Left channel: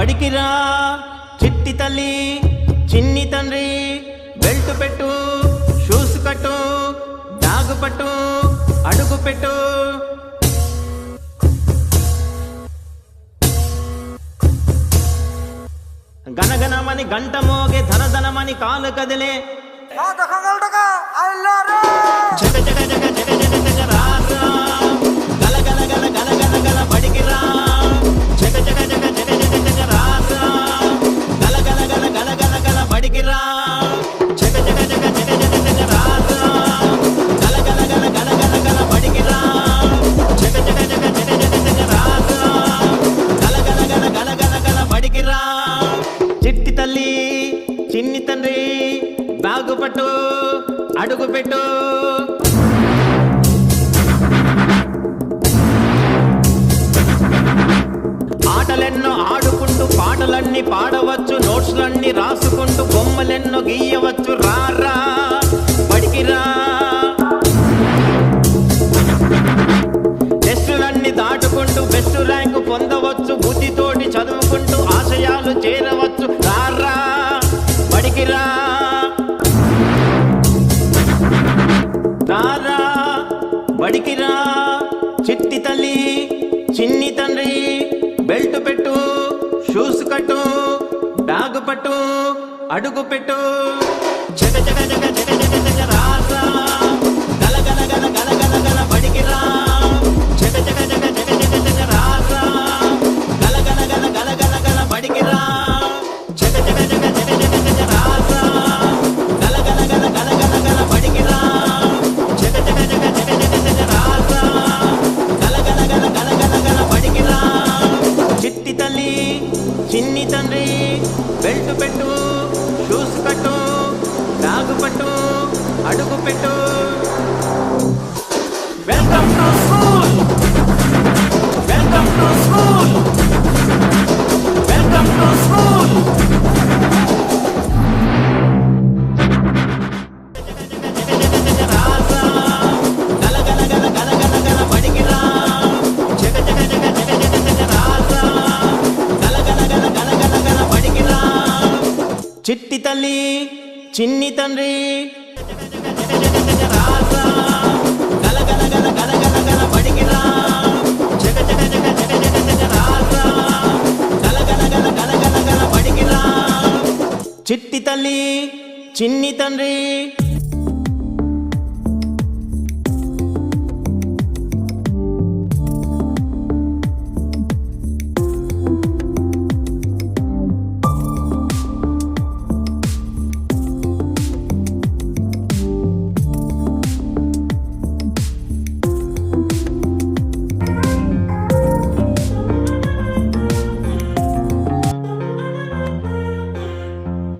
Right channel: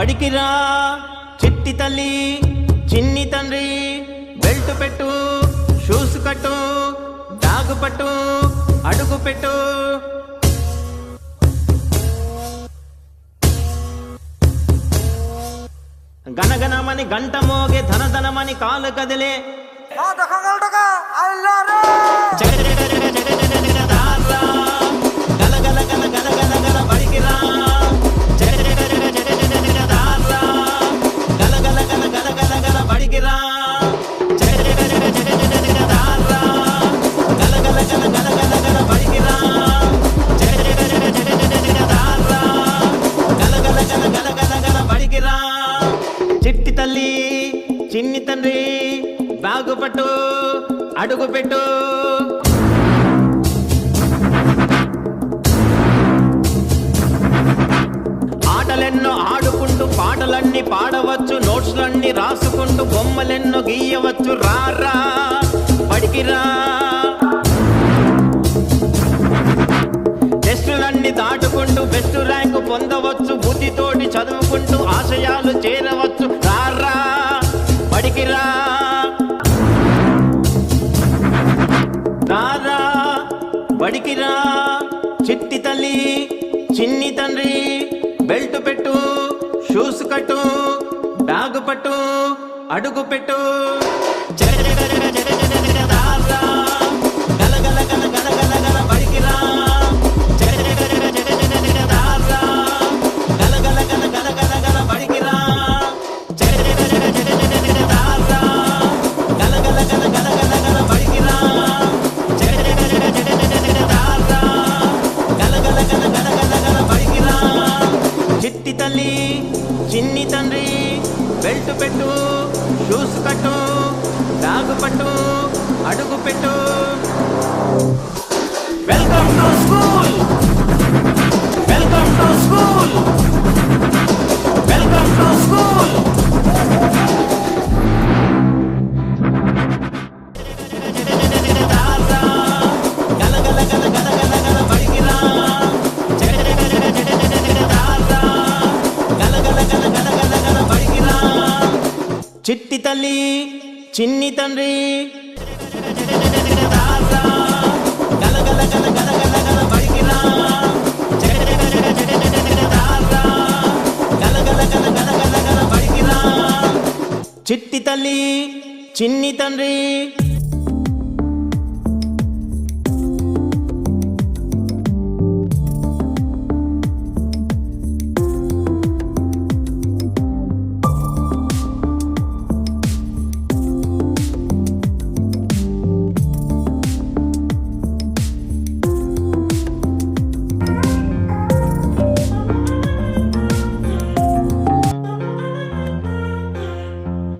బడికిరా చిట్టి తల్లి చిన్ని తండ్రి బెల్ట్ పెట్టు షూస్ కట్టు బ్యాగు పట్టు అడుగు పెట్టు. గనగనమని గంట మోగే ధనధనమని కాలు కదిలే చిట్టి తల్లి చిన్ని తండ్రి బ్యాగు పట్టు అడుగు పెట్టు. ఆటలెన్నో ఆడుకుంటూ పాటలన్నీ పాడవచ్చు, నోట్స్లన్నీ రాసుకుంటూ బొమ్మలెన్నో గీయవచ్చు. రారా బడికిరా, టెస్టులన్నీ దాటుకుంటూ బెస్ట్ ర్యాంకు పొందవచ్చు, బుద్ధితోటి చదువుకుంటూ ఆశయాలు చేరవచ్చు. రారా బడికిరా, రారా బడికిరా. చిట్టి తల్లి చిన్ని తండ్రి బెల్ట్ పెట్టు షూస్ కట్టు బ్యాగు పట్టు అడుగు పెట్టు. చిట్టి తల్లి చిన్ని తండ్రి బెల్ట్ పెట్టు షూస్ కట్టు బ్యాగు పట్టు అడుగు పెట్టు. Welcome to school, welcome to school, welcome to school. చిట్టి తల్లి చిన్ని తండ్రి చిట్టి తల్లి చిన్ని తండ్రి